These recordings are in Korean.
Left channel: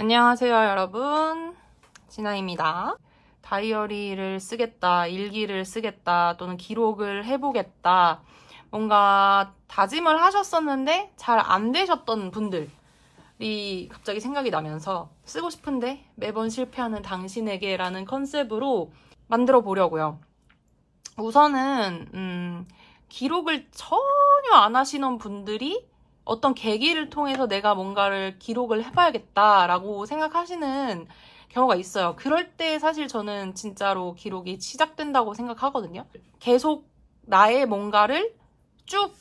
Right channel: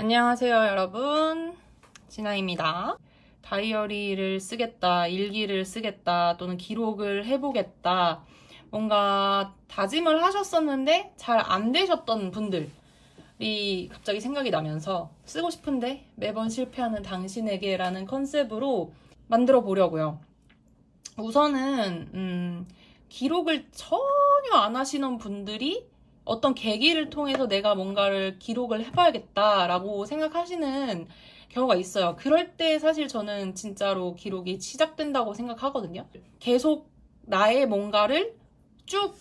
안녕하세요 여러분, 진아입니다. 다이어리를 쓰겠다, 일기를 쓰겠다, 또는 기록을 해보겠다, 뭔가 다짐을 하셨었는데 잘 안 되셨던 분들이 갑자기 생각이 나면서 쓰고 싶은데 매번 실패하는 당신에게 라는 컨셉으로 만들어 보려고요. 우선은 기록을 전혀 안 하시는 분들이 어떤 계기를 통해서 내가 뭔가를 기록을 해봐야겠다라고 생각하시는 경우가 있어요. 그럴 때 사실 저는 진짜로 기록이 시작된다고 생각하거든요. 계속 나의 뭔가를 쭉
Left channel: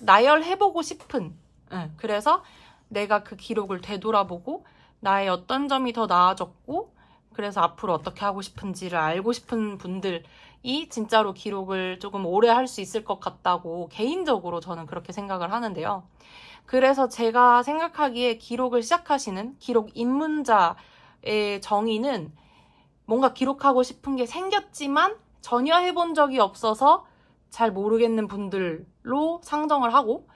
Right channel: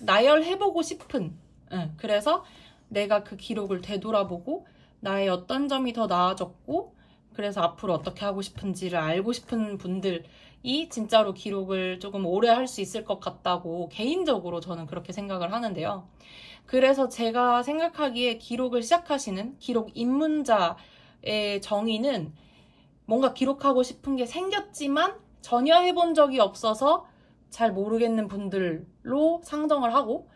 나열해보고 싶은, 그래서 내가 그 기록을 되돌아보고 나의 어떤 점이 더 나아졌고 그래서 앞으로 어떻게 하고 싶은지를 알고 싶은 분들이 진짜로 기록을 조금 오래 할 수 있을 것 같다고 개인적으로 저는 그렇게 생각을 하는데요. 그래서 제가 생각하기에 기록을 시작하시는 기록 입문자의 정의는 뭔가 기록하고 싶은 게 생겼지만 전혀 해본 적이 없어서 잘 모르겠는 분들로 상정을 하고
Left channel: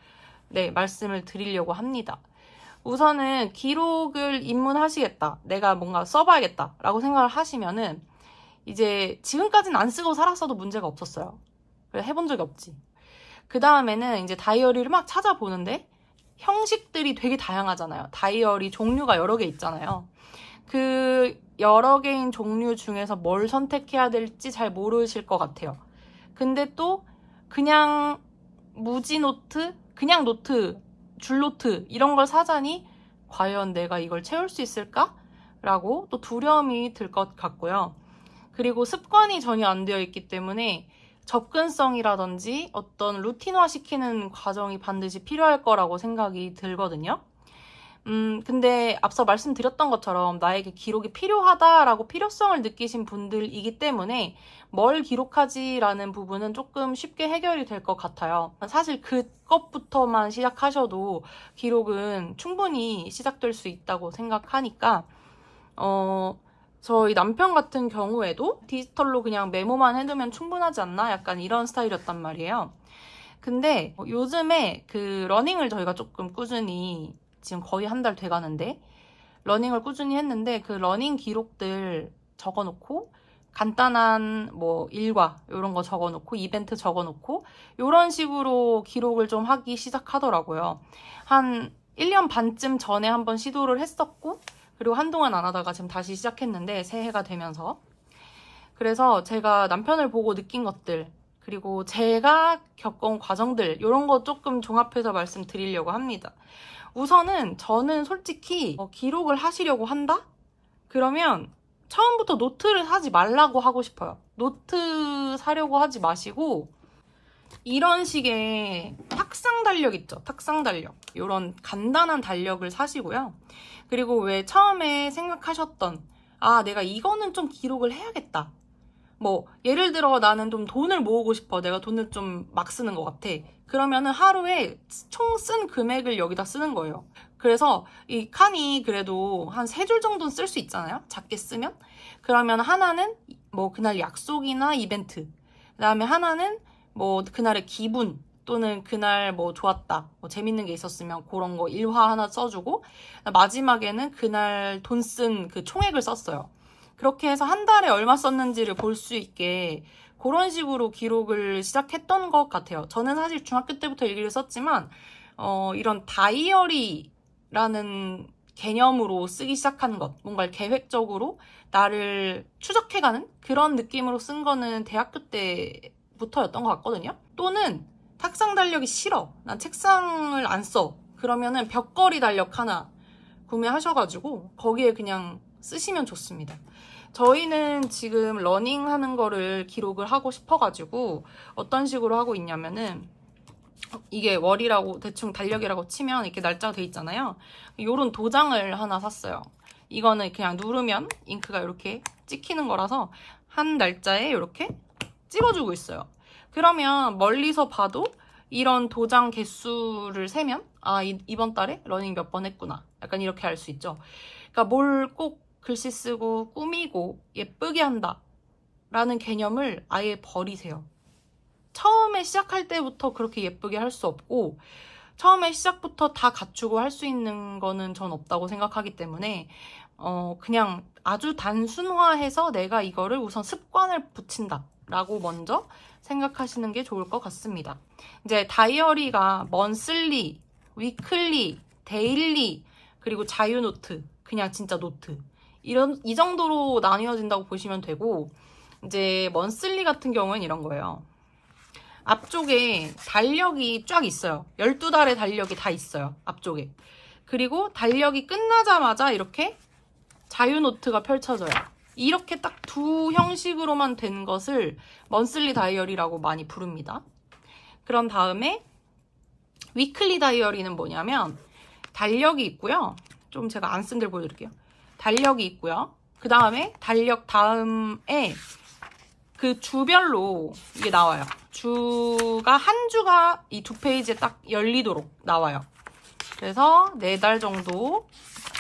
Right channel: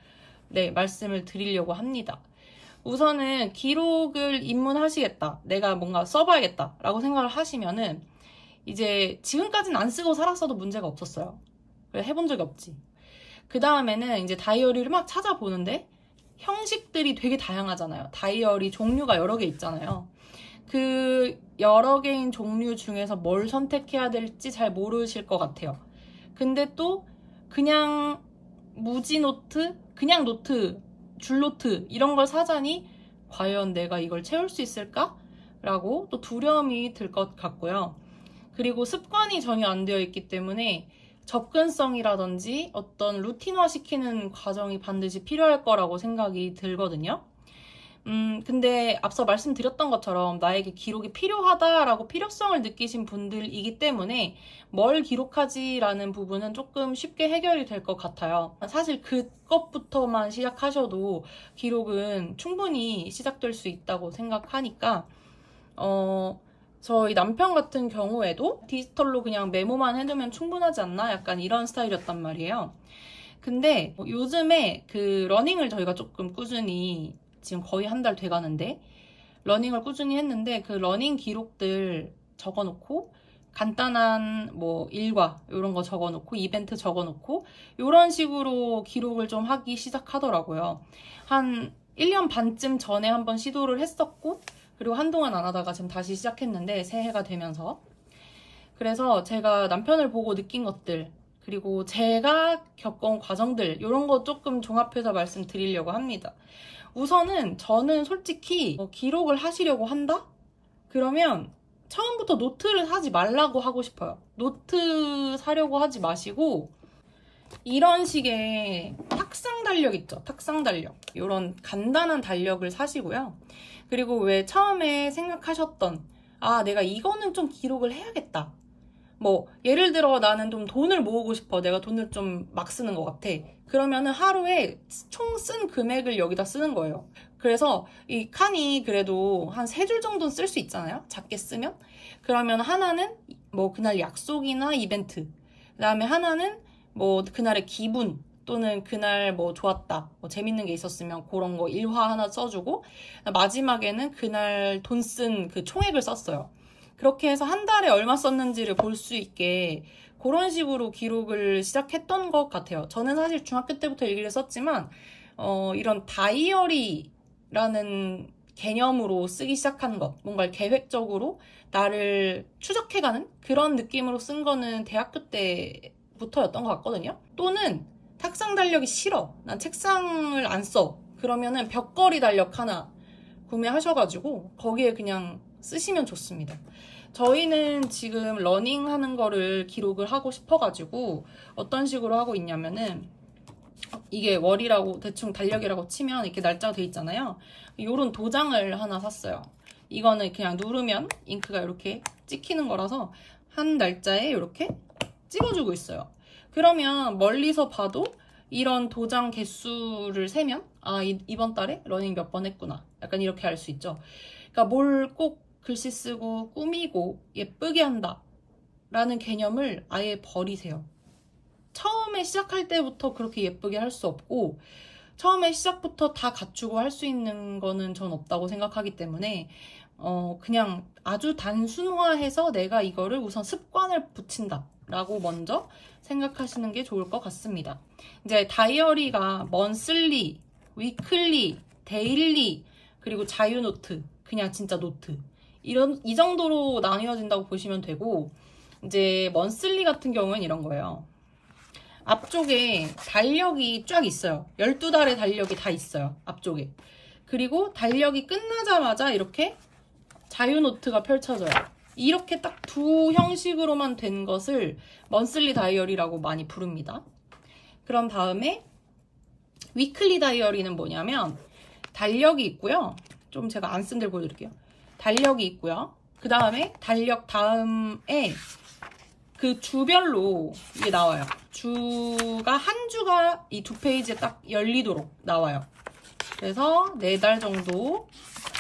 말씀을 드리려고 합니다. 우선은 기록을 입문하시겠다, 내가 뭔가 써봐야겠다 라고 생각을 하시면은 이제 지금까지는 안 쓰고 살았어도 문제가 없었어요. 해본 적이 없지. 그 다음에는 이제 다이어리를 막 찾아보는데 형식들이 되게 다양하잖아요. 다이어리 종류가 여러 개 있잖아요. 그 여러 개인 종류 중에서 뭘 선택해야 될지 잘 모르실 것 같아요. 근데 또 그냥 무지 노트, 그냥 노트, 줄 노트 이런 걸 사자니 과연 내가 이걸 채울 수 있을까? 라고 또 두려움이 들 것 같고요. 그리고 습관이 전혀 안 되어 있기 때문에 접근성이라든지 어떤 루틴화 시키는 과정이 반드시 필요할 거라고 생각이 들거든요. 근데 앞서 말씀드렸던 것처럼 나에게 기록이 필요하다라고 필요성을 느끼신 분들이기 때문에 뭘 기록하지라는 부분은 조금 쉽게 해결이 될 것 같아요. 사실 그것부터만 시작하셔도 기록은 충분히 시작될 수 있다고 생각하니까 저희 남편 같은 경우에도 디지털로 그냥 메모만 해두면 충분하지 않나? 약간 이런 스타일이었단 말이에요. 근데 요즘에 그 러닝을 저희가 조금 꾸준히 지금 거의 한 달 돼가는데 러닝을 꾸준히 했는데 그 러닝 기록들 적어놓고 간단한 뭐 일과 이런 거 적어놓고 이벤트 적어놓고 이런 식으로 기록을 좀 하기 시작하더라고요. 한 1년 반쯤 전에 한번 시도를 했었고 그리고 한동안 안 하다가 지금 다시 시작했는데 새해가 되면서 그래서 제가 남편을 보고 느낀 것들 그리고 제가 겪은 과정들 이런 거 조금 종합해서 말씀드리려고 합니다. 우선은 저는 솔직히 기록을 하시려고 한다? 그러면 처음부터 노트를 사지 말라고 하고 싶어요. 노트 사려고 하지 마시고 이런 식의 탁상 달력 있죠? 탁상 달력. 이런 간단한 달력을 사시고요. 그리고 왜 처음에 생각하셨던 내가 이거는 좀 기록을 해야겠다. 뭐 예를 들어 나는 좀 돈을 모으고 싶어. 내가 돈을 좀 막 쓰는 것 같아. 그러면은 하루에 총 쓴 금액을 여기다 쓰는 거예요. 그래서 이 칸이 그래도 한 3줄 정도는 쓸 수 있잖아요. 작게 쓰면. 그러면 하나는 뭐 그날 약속이나 이벤트. 그 다음에 하나는 뭐 그날의 기분. 또는 그날 뭐 좋았다, 뭐 재밌는 게 있었으면 그런 거 일화 하나 써주고 마지막에는 그날 돈 쓴 그 총액을 썼어요. 그렇게 해서 한 달에 얼마 썼는지를 볼 수 있게 그런 식으로 기록을 시작했던 것 같아요. 저는 사실 중학교 때부터 일기를 썼지만 이런 다이어리라는 개념으로 쓰기 시작한 것, 뭔가 계획적으로 나를 추적해가는 그런 느낌으로 쓴 거는 대학교 때부터였던 것 같거든요. 또는 탁상 달력이 싫어, 난 책상을 안 써, 그러면은 벽걸이 달력 하나 구매하셔가지고 거기에 그냥 쓰시면 좋습니다. 저희는 지금 러닝 하는 거를 기록을 하고 싶어가지고 어떤 식으로 하고 있냐면은 이게 월이라고 대충 달력이라고 치면 이렇게 날짜가 돼 있잖아요. 요런 도장을 하나 샀어요. 이거는 그냥 누르면 잉크가 이렇게 찍히는 거라서 한 날짜에 이렇게 찍어주고 있어요. 그러면 멀리서 봐도 이런 도장 개수를 세면 이번 달에 러닝 몇 번 했구나, 약간 이렇게 알 수 있죠. 그러니까 뭘 꼭 글씨 쓰고 꾸미고 예쁘게 한다 라는 개념을 아예 버리세요. 처음에 시작할 때부터 그렇게 예쁘게 할 수 없고 처음에 시작부터 다 갖추고 할 수 있는 거는 전 없다고 생각하기 때문에 그냥 아주 단순화해서 내가 이거를 우선 습관을 붙인다 라고 먼저 생각하시는 게 좋을 것 같습니다. 이제 다이어리가 먼슬리, 위클리, 데일리, 그리고 자유노트, 그냥 진짜 노트 이 정도로 나뉘어진다고 보시면 되고, 이제 먼슬리 같은 경우는 이런 거예요. 앞쪽에 달력이 쫙 있어요. 12달의 달력이 다 있어요. 앞쪽에. 그리고 달력이 끝나자마자 이렇게 자유노트가 펼쳐져요. 이렇게 딱 두 형식으로만 된 것을 먼슬리 다이어리라고 많이 부릅니다. 그런 다음에 위클리 다이어리는 뭐냐면 달력이 있고요. 좀 제가 안 쓴 데를 보여드릴게요. 달력이 있고요. 그 다음에 달력 다음에 그 주별로 이게 나와요. 한 주가 이 두 페이지에 딱 열리도록 나와요. 그래서 4달 정도,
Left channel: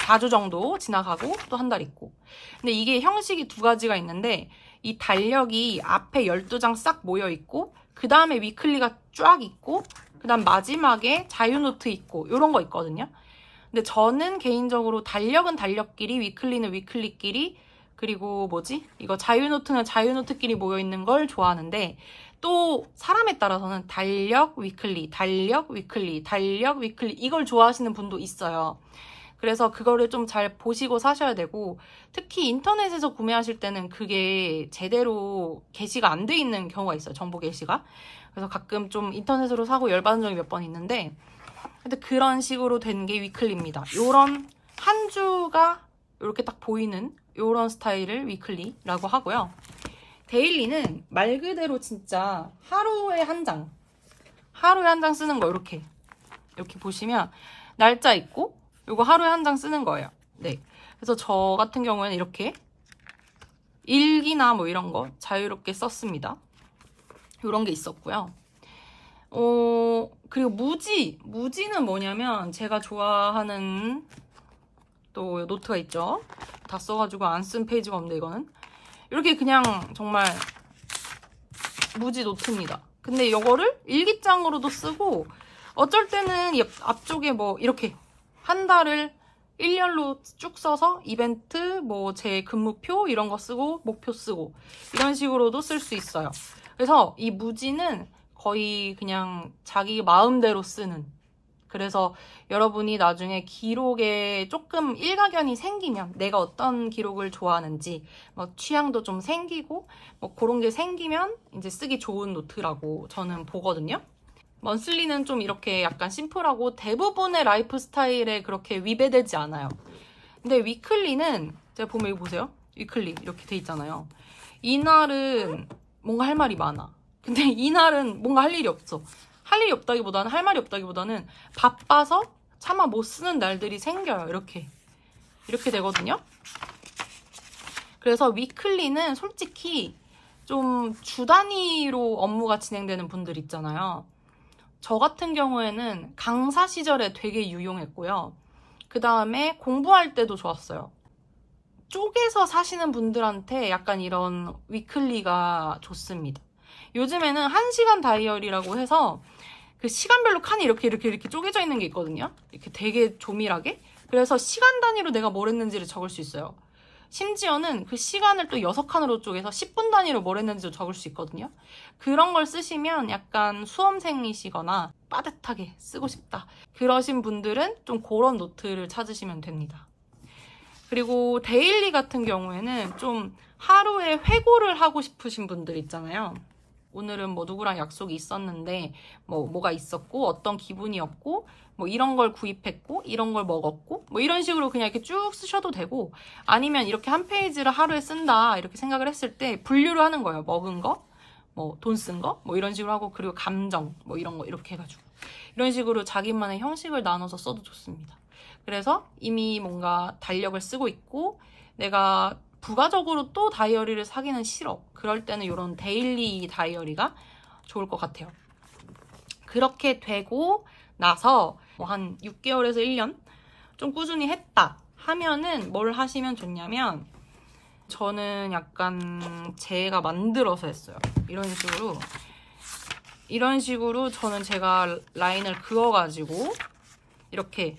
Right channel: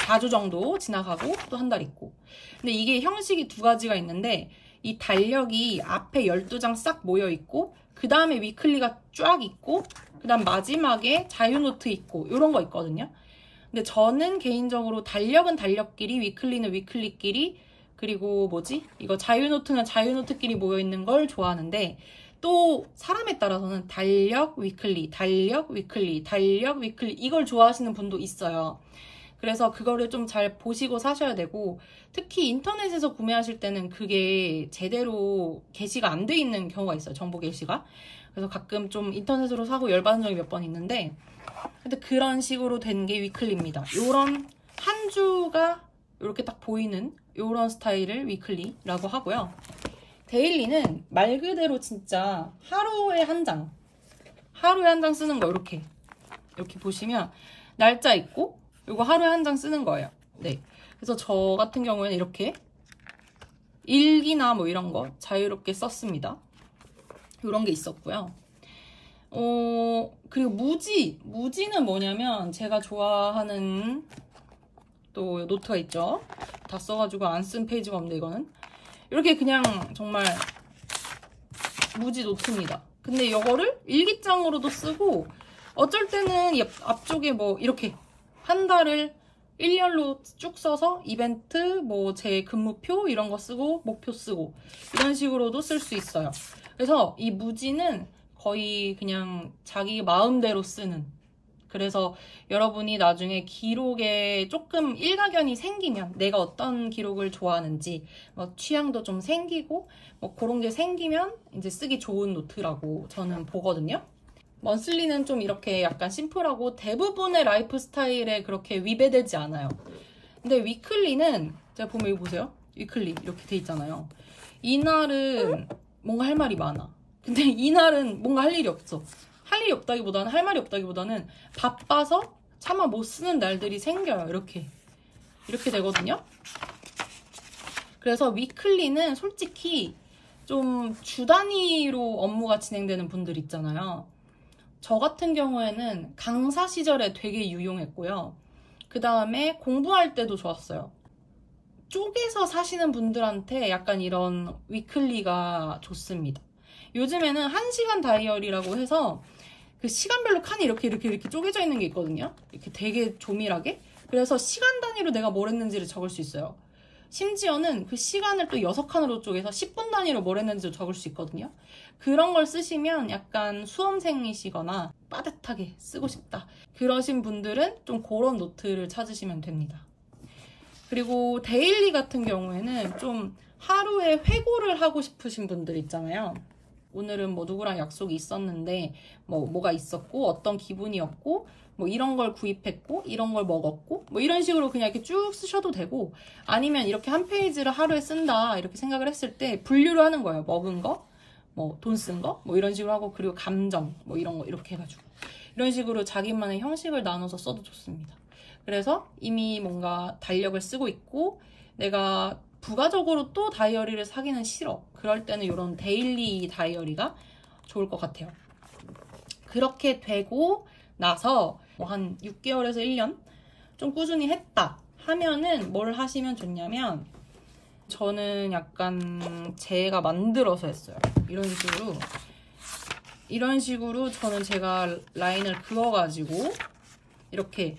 4주 정도 지나가고 또 한 달 있고. 근데 이게 형식이 두 가지가 있는데, 이 달력이 앞에 12장 싹 모여 있고, 그 다음에 위클리가 쫙 있고, 그 다음 마지막에 자유노트 있고, 이런 거 있거든요. 근데 저는 개인적으로 달력은 달력끼리, 위클리는 위클리끼리, 그리고 이거 자유노트는 자유노트끼리 모여있는 걸 좋아하는데, 또 사람에 따라서는 달력, 위클리, 달력, 위클리, 달력, 위클리 이걸 좋아하시는 분도 있어요. 그래서 그거를 좀 잘 보시고 사셔야 되고, 특히 인터넷에서 구매하실 때는 그게 제대로 게시가 안 돼 있는 경우가 있어요. 정보 게시가. 그래서 가끔 좀 인터넷으로 사고 열받은 적이 몇 번 있는데, 근데 그런 식으로 된 게 위클리입니다. 요런 한 주가 이렇게 딱 보이는 요런 스타일을 위클리라고 하고요. 데일리는 말 그대로 진짜 하루에 한 장 쓰는 거 이렇게 보시면 날짜 있고 요거 하루에 한 장 쓰는 거예요. 네. 그래서 저 같은 경우에는 이렇게 일기나 뭐 이런 거 자유롭게 썼습니다. 요런 게 있었고요. 그리고 무지는 뭐냐면 제가 좋아하는 또 노트가 있죠. 다 써가지고 안 쓴 페이지가 없는데 이거는 이렇게 그냥 정말 무지 노트입니다. 근데 이거를 일기장으로도 쓰고 어쩔 때는 앞쪽에 뭐 이렇게 한 달을 1년로 쭉 써서 이벤트, 뭐 제 근무표 이런 거 쓰고 목표 쓰고 이런 식으로도 쓸 수 있어요. 그래서 이 무지는 거의 그냥 자기 마음대로 쓰는, 그래서 여러분이 나중에 기록에 조금 일가견이 생기면 내가 어떤 기록을 좋아하는지 뭐 취향도 좀 생기고 뭐 그런 게 생기면 이제 쓰기 좋은 노트라고 저는 보거든요. 먼슬리는 좀 이렇게 약간 심플하고 대부분의 라이프 스타일에 그렇게 위배되지 않아요. 근데 위클리는 제가 보면 이거 보세요. 위클리 이렇게 돼 있잖아요. 이날은 뭔가 할 말이 많아. 근데 이날은 뭔가 할 일이 없어. 할 일이 없다기보다는, 할 말이 없다기보다는 바빠서 차마 못 쓰는 날들이 생겨요. 이렇게 되거든요. 그래서 위클리는 솔직히 좀 주 단위로 업무가 진행되는 분들 있잖아요. 저 같은 경우에는 강사 시절에 되게 유용했고요. 그 다음에 공부할 때도 좋았어요. 쪼개서 사시는 분들한테 약간 이런 위클리가 좋습니다. 요즘에는 1시간 다이어리라고 해서 그 시간별로 칸이 이렇게 쪼개져 있는 게 있거든요. 이렇게 되게 조밀하게. 그래서 시간 단위로 내가 뭘 했는지를 적을 수 있어요. 심지어는 그 시간을 또 6칸으로 쪼개서 10분 단위로 뭘 했는지도 적을 수 있거든요. 그런 걸 쓰시면 약간 수험생이시거나 빠듯하게 쓰고 싶다, 그러신 분들은 좀 그런 노트를 찾으시면 됩니다. 그리고 데일리 같은 경우에는 좀 하루에 회고를 하고 싶으신 분들 있잖아요. 오늘은 뭐 누구랑 약속이 있었는데 뭐가 있었고 어떤 기분이었고 뭐 이런 걸 구입했고 이런 걸 먹었고 뭐 이런 식으로 그냥 이렇게 쭉 쓰셔도 되고, 아니면 이렇게 한 페이지를 하루에 쓴다 이렇게 생각을 했을 때 분류를 하는 거예요. 먹은 거, 뭐 돈 쓴 거, 뭐 이런 식으로 하고, 그리고 감정 뭐 이런 거 이렇게 해가지고 이런 식으로 자기만의 형식을 나눠서 써도 좋습니다. 그래서 이미 뭔가 달력을 쓰고 있고 내가 부가적으로 또 다이어리를 사기는 싫어, 그럴 때는 이런 데일리 다이어리가 좋을 것 같아요. 그렇게 되고 나서 뭐 한 6개월에서 1년 좀 꾸준히 했다 하면은 뭘 하시면 좋냐면, 저는 약간 제가 만들어서 했어요. 이런 식으로 이런 식으로 저는 제가 라인을 그어가지고 이렇게,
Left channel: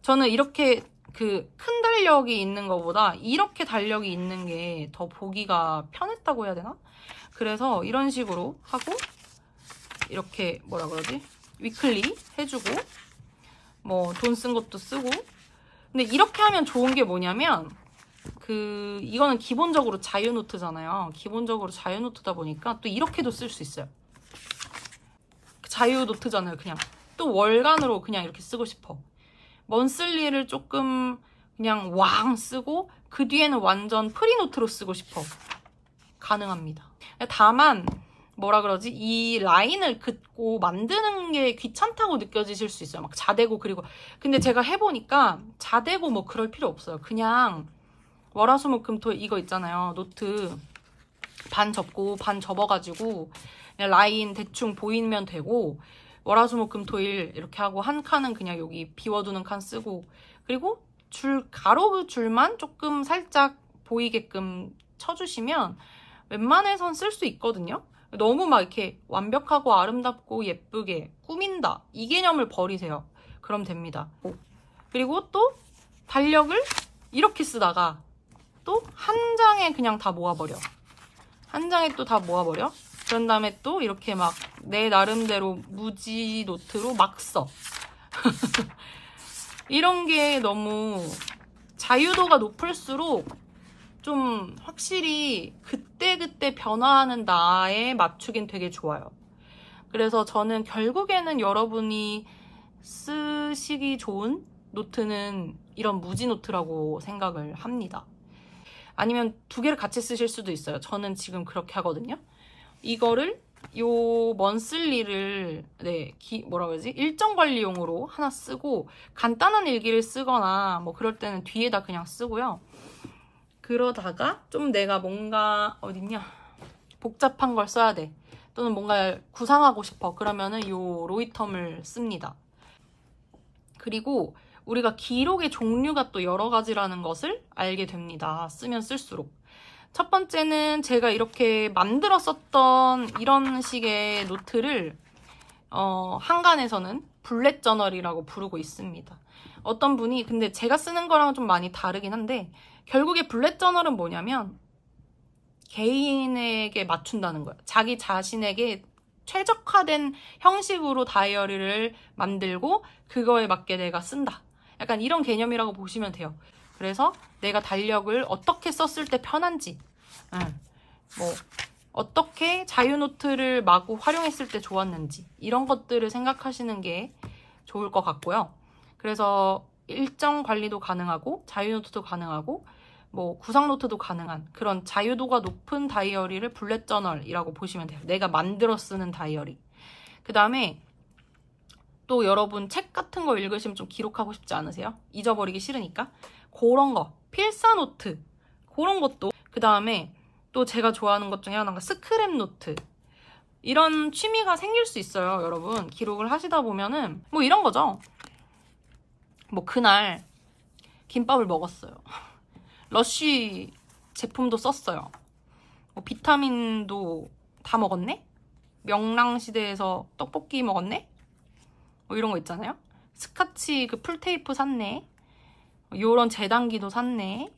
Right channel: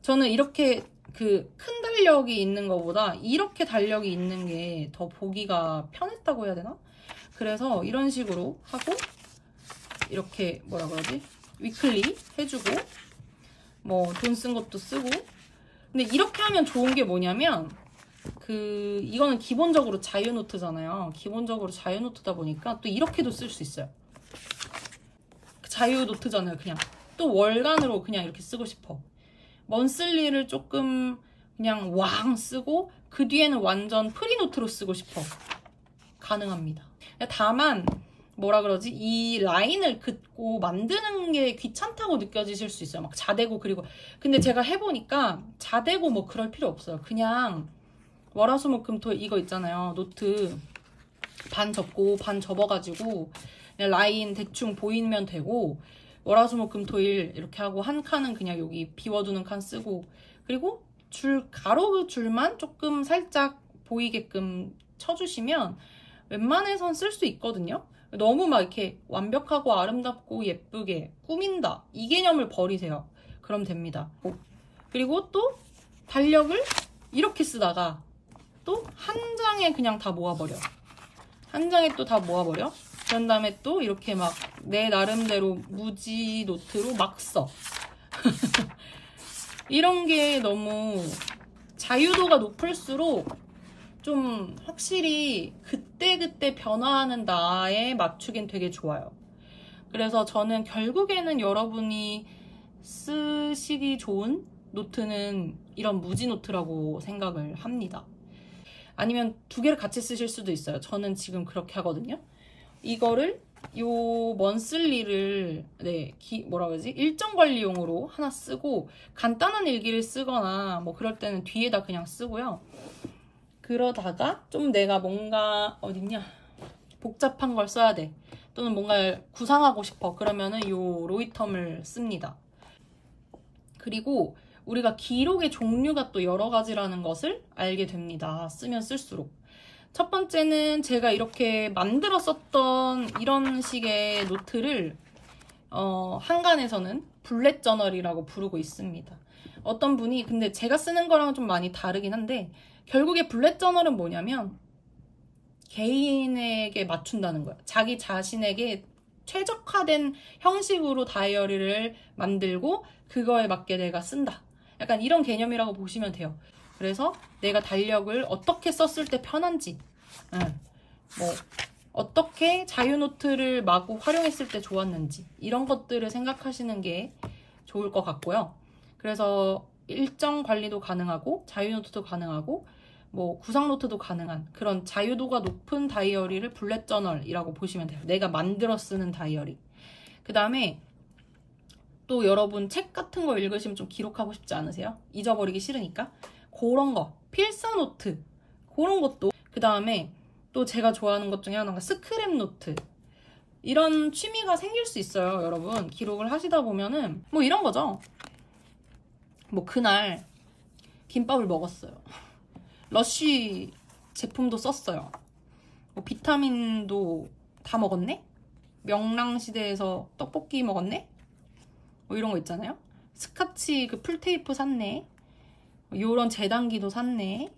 저는 이렇게 그 큰 달력이 있는 것보다 이렇게 달력이 있는 게 더 보기가 편했다고 해야 되나? 그래서 이런 식으로 하고 이렇게 뭐라 그러지? 위클리 해주고 뭐 돈 쓴 것도 쓰고. 근데 이렇게 하면 좋은 게 뭐냐면 이거는 기본적으로 자유노트잖아요. 기본적으로 자유노트다 보니까 또 이렇게도 쓸 수 있어요. 자유노트잖아요. 그냥 또 월간으로 그냥 이렇게 쓰고 싶어. 먼슬리를 조금 그냥 왕 쓰고 그 뒤에는 완전 프리노트로 쓰고 싶어. 가능합니다. 다만 뭐라 그러지? 이 라인을 긋고 만드는 게 귀찮다고 느껴지실 수 있어요. 막 자대고. 그리고 근데 제가 해보니까 자대고 뭐 그럴 필요 없어요. 그냥 월화수목금토 이거 있잖아요. 노트 반 접고 반 접어가지고 그냥 라인 대충 보이면 되고, 월화수목금토일 이렇게 하고 한 칸은 그냥 여기 비워두는 칸 쓰고, 그리고 가로 줄만 조금 살짝 보이게끔 쳐주시면 웬만해선 쓸 수 있거든요. 너무 막 이렇게 완벽하고 아름답고 예쁘게 꾸민다, 이 개념을 버리세요. 그럼 됩니다. 그리고 또 달력을 이렇게 쓰다가 또 한 장에 그냥 다 모아버려. 한 장에 또 다 모아버려. 그런 다음에 또 이렇게 막 내 나름대로 무지 노트로 막 써. 이런 게 너무 자유도가 높을수록 좀 확실히 그때그때 변화하는 나에 맞추긴 되게 좋아요. 그래서 저는 결국에는 여러분이 쓰시기 좋은 노트는 이런 무지 노트라고 생각을 합니다. 아니면 두 개를 같이 쓰실 수도 있어요. 저는 지금 그렇게 하거든요. 이거를 요 먼슬리를 뭐라 그러지? 일정 관리용으로 하나 쓰고 간단한 일기를 쓰거나 뭐 그럴 때는 뒤에다 그냥 쓰고요. 그러다가 좀 내가 뭔가 어딨냐? 복잡한 걸 써야 돼. 또는 뭔가 구상하고 싶어. 그러면은 요 로이텀을 씁니다. 그리고 우리가 기록의 종류가 또 여러 가지라는 것을 알게 됩니다. 쓰면 쓸수록. 첫 번째는 제가 이렇게 만들어 썼던 이런 식의 노트를 한간에서는 블랙 저널이라고 부르고 있습니다. 어떤 분이, 근데 제가 쓰는 거랑은 좀 많이 다르긴 한데, 결국에 블랙 저널은 뭐냐면 개인에게 맞춘다는 거예요. 자기 자신에게 최적화된 형식으로 다이어리를 만들고 그거에 맞게 내가 쓴다. 약간 이런 개념이라고 보시면 돼요. 그래서 내가 달력을 어떻게 썼을 때 편한지, 뭐 어떻게 자유노트를 마구 활용했을 때 좋았는지, 이런 것들을 생각하시는 게 좋을 것 같고요. 그래서 일정 관리도 가능하고 자유노트도 가능하고 뭐 구상노트도 가능한 그런 자유도가 높은 다이어리를 블랙 저널이라고 보시면 돼요. 내가 만들어 쓰는 다이어리. 그 다음에 또 여러분 책 같은 거 읽으시면 좀 기록하고 싶지 않으세요? 잊어버리기 싫으니까. 그런 거, 필사노트, 그런 것도. 그 다음에 또 제가 좋아하는 것 중에 하나가 스크랩 노트. 이런 취미가 생길 수 있어요, 여러분. 기록을 하시다 보면은 뭐 이런 거죠. 뭐 그날 김밥을 먹었어요. 러쉬 제품도 썼어요. 뭐 비타민도 다 먹었네? 명랑시대에서 떡볶이 먹었네? 뭐 이런 거 있잖아요. 스카치 그 풀테이프 샀네. 요런 재단기도 샀네.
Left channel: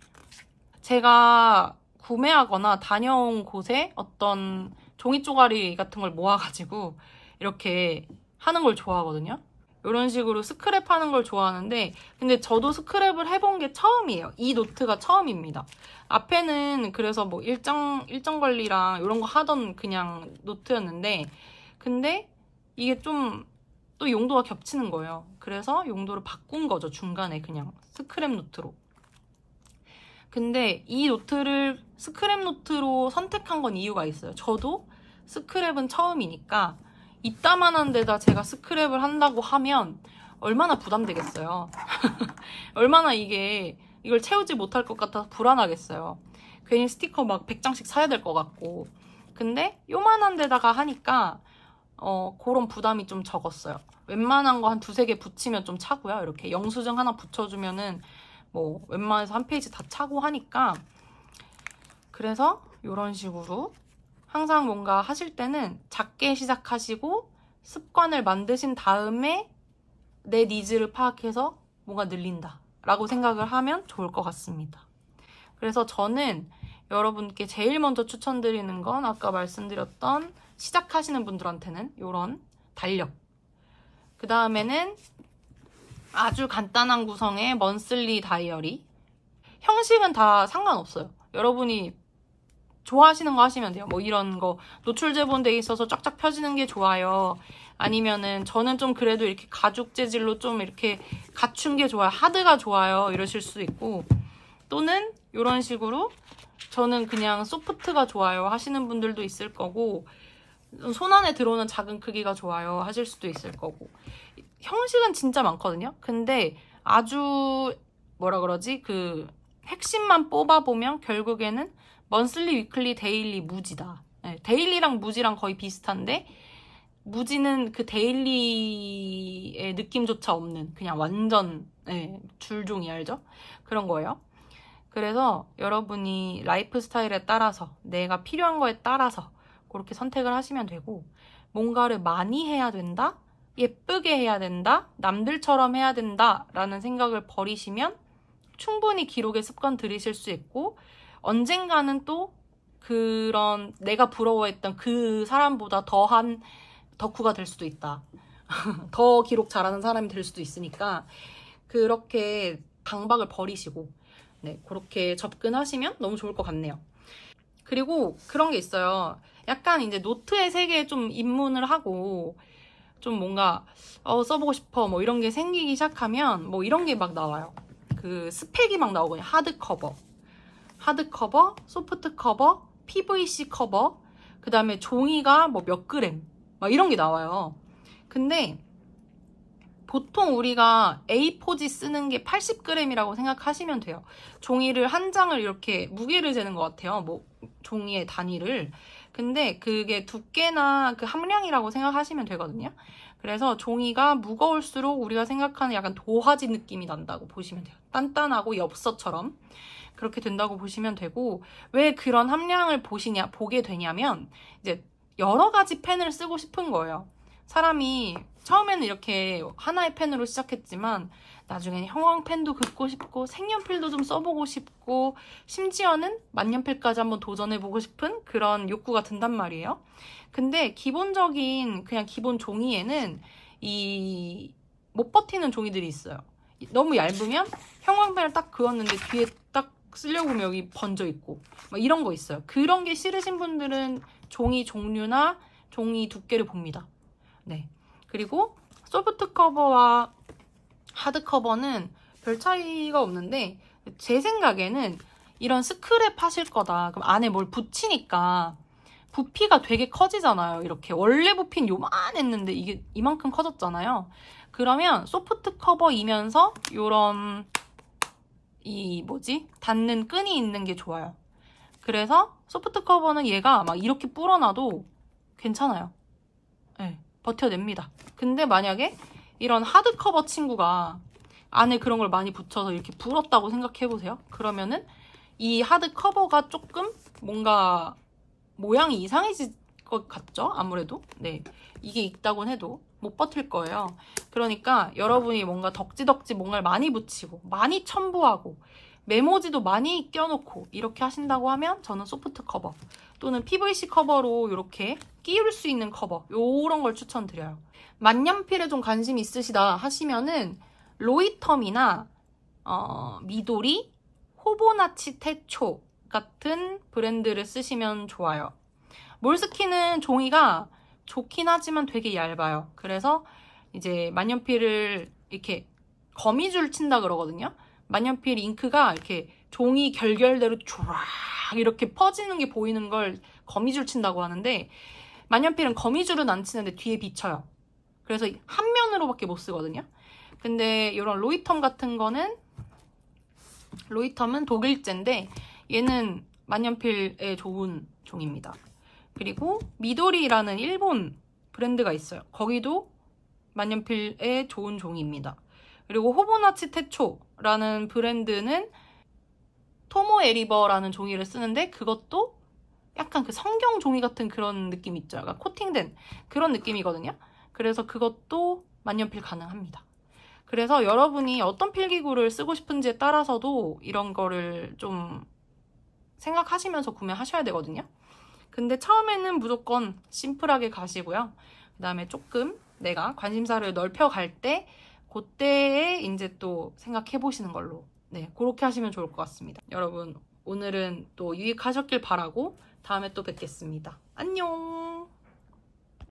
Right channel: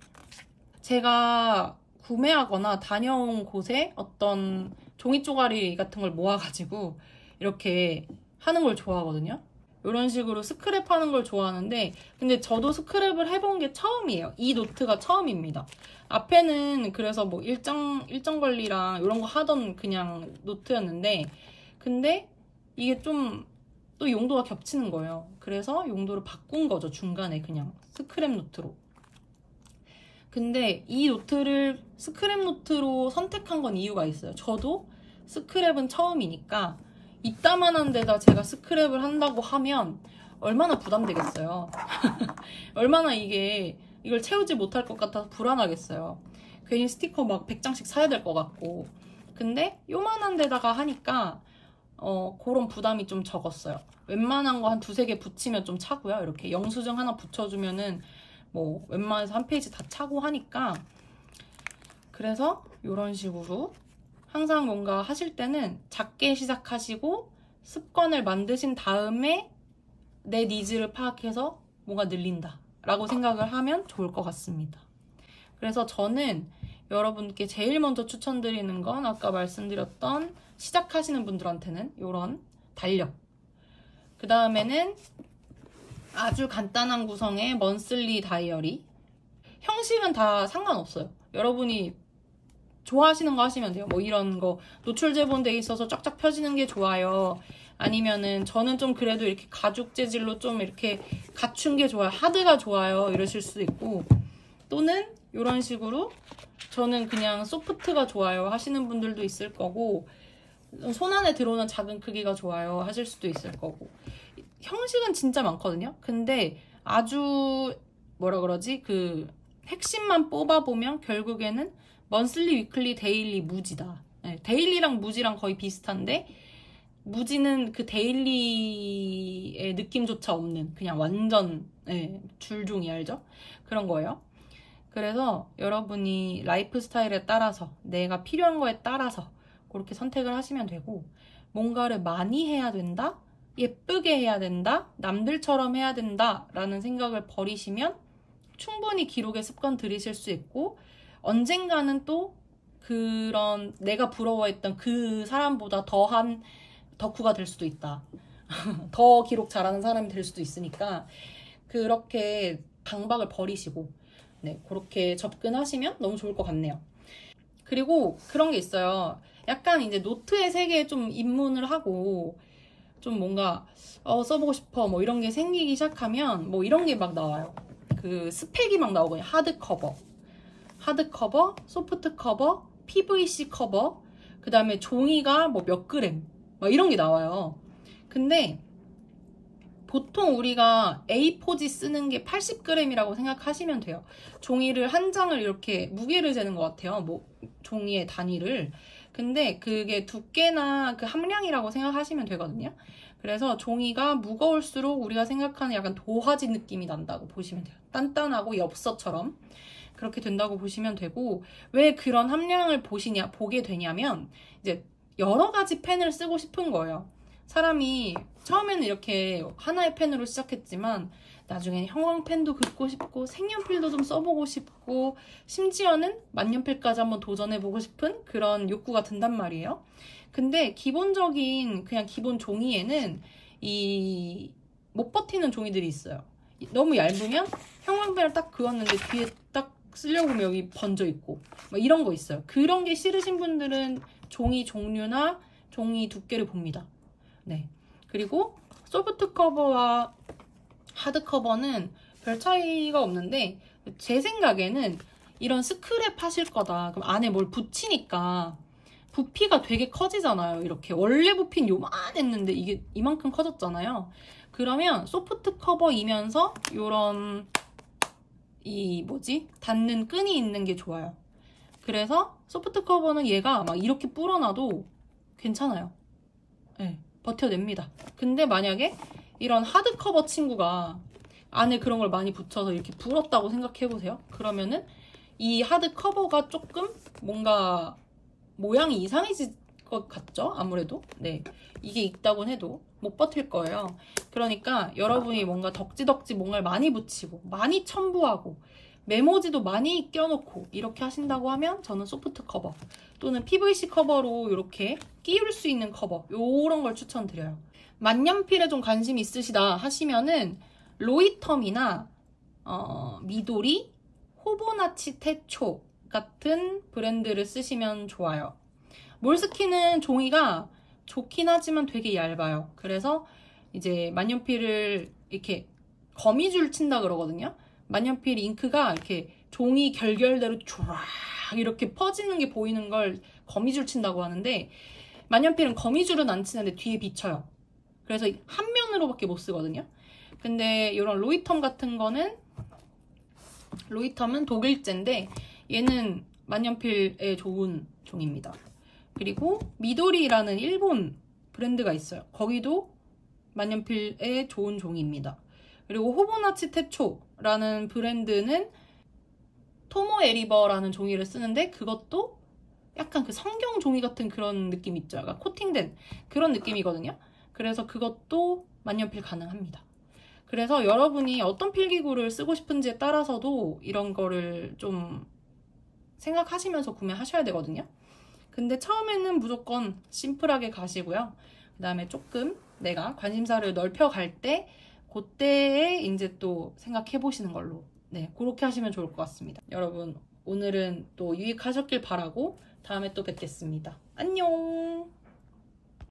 제가 구매하거나 다녀온 곳에 어떤 종이 쪼가리 같은 걸 모아가지고 이렇게 하는 걸 좋아하거든요. 이런 식으로 스크랩 하는 걸 좋아하는데, 근데 저도 스크랩을 해본 게 처음이에요. 이 노트가 처음입니다. 앞에는 그래서 뭐 일정 관리랑 이런 거 하던 그냥 노트였는데, 근데 이게 좀 또 용도가 겹치는 거예요. 그래서 용도를 바꾼 거죠. 중간에 그냥 스크랩 노트로. 근데 이 노트를 스크랩 노트로 선택한 건 이유가 있어요. 저도 스크랩은 처음이니까 이따만한 데다 제가 스크랩을 한다고 하면 얼마나 부담되겠어요. 얼마나 이걸 채우지 못할 것 같아서 불안하겠어요. 괜히 스티커 막 100장씩 사야 될 것 같고. 근데 요만한 데다가 하니까 그런 부담이 좀 적었어요. 웬만한 거 한 두세 개 붙이면 좀 차고요. 이렇게 영수증 하나 붙여주면은 뭐 웬만해서 한 페이지 다 차고 하니까. 그래서 이런 식으로 항상 뭔가 하실 때는 작게 시작하시고 습관을 만드신 다음에 내 니즈를 파악해서 뭔가 늘린다 라고 생각을 하면 좋을 것 같습니다. 그래서 저는 여러분께 제일 먼저 추천드리는 건 아까 말씀드렸던 시작하시는 분들한테는 이런 달력, 그 다음에는 아주 간단한 구성의 먼슬리 다이어리. 형식은 다 상관없어요. 여러분이 좋아하시는 거 하시면 돼요. 뭐 이런 거 노출 제본돼 있어서 쫙쫙 펴지는 게 좋아요. 아니면은 저는 좀 그래도 이렇게 가죽 재질로 좀 이렇게 갖춘 게 좋아요. 하드가 좋아요. 이러실 수도 있고, 또는 이런 식으로 저는 그냥 소프트가 좋아요 하시는 분들도 있을 거고, 손 안에 들어오는 작은 크기가 좋아요 하실 수도 있을 거고, 형식은 진짜 많거든요. 근데 아주 뭐라 그러지? 그 핵심만 뽑아보면 결국에는 먼슬리, 위클리, 데일리, 무지다. 네, 데일리랑 무지랑 거의 비슷한데 무지는 그 데일리의 느낌조차 없는 그냥 완전 줄종이 알죠? 그런 거예요. 그래서 여러분이 라이프 스타일에 따라서 내가 필요한 거에 따라서 그렇게 선택을 하시면 되고, 뭔가를 많이 해야 된다? 예쁘게 해야 된다? 남들처럼 해야 된다? 라는 생각을 버리시면 충분히 기록의 습관 들이실 수 있고, 언젠가는 또 그런 내가 부러워했던 그 사람보다 더한 덕후가 될 수도 있다. 더 기록 잘하는 사람이 될 수도 있으니까 그렇게 강박을 버리시고 그렇게 접근하시면 너무 좋을 것 같네요. 그리고 그런 게 있어요. 약간 이제 노트의 세계에 좀 입문을 하고 좀 뭔가 써보고 싶어 뭐 이런 게 생기기 시작하면 뭐 이런 게 막 나와요. 그 스펙이 막 나오거든요. 하드커버, 소프트 커버, PVC 커버, 그 다음에 종이가 뭐 몇 그램 막 이런 게 나와요. 근데 보통 우리가 A4지 쓰는 게 80g이라고 생각하시면 돼요. 종이를 한 장을 이렇게 무게를 재는 것 같아요. 뭐 종이의 단위를. 근데 그게 두께나 그 함량이라고 생각하시면 되거든요. 그래서 종이가 무거울수록 우리가 생각하는 약간 도화지 느낌이 난다고 보시면 돼요. 단단하고 엽서처럼 그렇게 된다고 보시면 되고, 왜 그런 함량을 보게 되냐면 이제 여러 가지 펜을 쓰고 싶은 거예요. 사람이 처음에는 이렇게 하나의 펜으로 시작했지만 나중에는 형광펜도 긋고 싶고 색연필도 좀 써보고 싶고 심지어는 만년필까지 한번 도전해보고 싶은 그런 욕구가 든단 말이에요. 근데 기본적인 그냥 기본 종이에는 이 못 버티는 종이들이 있어요. 너무 얇으면 형광펜을 딱 그었는데 뒤에 딱 쓰려고 하면 여기 번져 있고 막 이런 거 있어요. 그런 게 싫으신 분들은 종이 종류나 종이 두께를 봅니다. 네. 그리고 소프트 커버와 하드 커버는 별 차이가 없는데, 제 생각에는 이런 스크랩 하실 거다. 그럼 안에 뭘 붙이니까 부피가 되게 커지잖아요. 이렇게 원래 부피는 요만했는데 이게 이만큼 커졌잖아요. 그러면 소프트 커버이면서 요런 닿는 끈이 있는 게 좋아요. 그래서 소프트 커버는 얘가 막 이렇게 불어놔도 괜찮아요. 네, 버텨냅니다. 근데 만약에 이런 하드 커버 친구가 안에 그런 걸 많이 붙여서 이렇게 불었다고 생각해보세요. 그러면은 이 하드 커버가 조금 뭔가 모양이 이상해질 것 같죠? 아무래도. 네, 이게 있다곤 해도 못 버틸 거예요. 그러니까 여러분이 뭔가 덕지덕지 뭔가를 많이 붙이고 많이 첨부하고 메모지도 많이 껴놓고 이렇게 하신다고 하면 저는 소프트 커버 또는 PVC 커버로 이렇게 끼울 수 있는 커버, 요런 걸 추천드려요. 만년필에 좀 관심 있으시다 하시면은 로이텀이나 미도리, 호보나치 테초 같은 브랜드를 쓰시면 좋아요. 몰스킨은 종이가 좋긴 하지만 되게 얇아요. 그래서 이제 만년필을 이렇게 거미줄 친다 그러거든요. 만년필 잉크가 이렇게 종이 결결대로 쫙 이렇게 퍼지는 게 보이는 걸 거미줄 친다고 하는데, 만년필은 거미줄은 안 치는데 뒤에 비쳐요. 그래서 한 면으로밖에 못 쓰거든요. 근데 이런 로이텀 같은 거는, 로이텀은 독일제인데 얘는 만년필에 좋은 종입니다. 그리고 미도리라는 일본 브랜드가 있어요. 거기도 만년필에 좋은 종이입니다. 그리고 호보나치 테초라는 브랜드는 토모 에리버라는 종이를 쓰는데 그것도 약간 그 성경 종이 같은 그런 느낌 있죠. 약간 코팅된 그런 느낌이거든요. 그래서 그것도 만년필 가능합니다. 그래서 여러분이 어떤 필기구를 쓰고 싶은지에 따라서도 이런 거를 좀 생각하시면서 구매하셔야 되거든요. 근데 처음에는 무조건 심플하게 가시고요. 그 다음에 조금 내가 관심사를 넓혀갈 때 그때에 이제 또 생각해 보시는 걸로, 네, 그렇게 하시면 좋을 것 같습니다. 여러분, 오늘은 또 유익하셨길 바라고 다음에 또 뵙겠습니다. 안녕!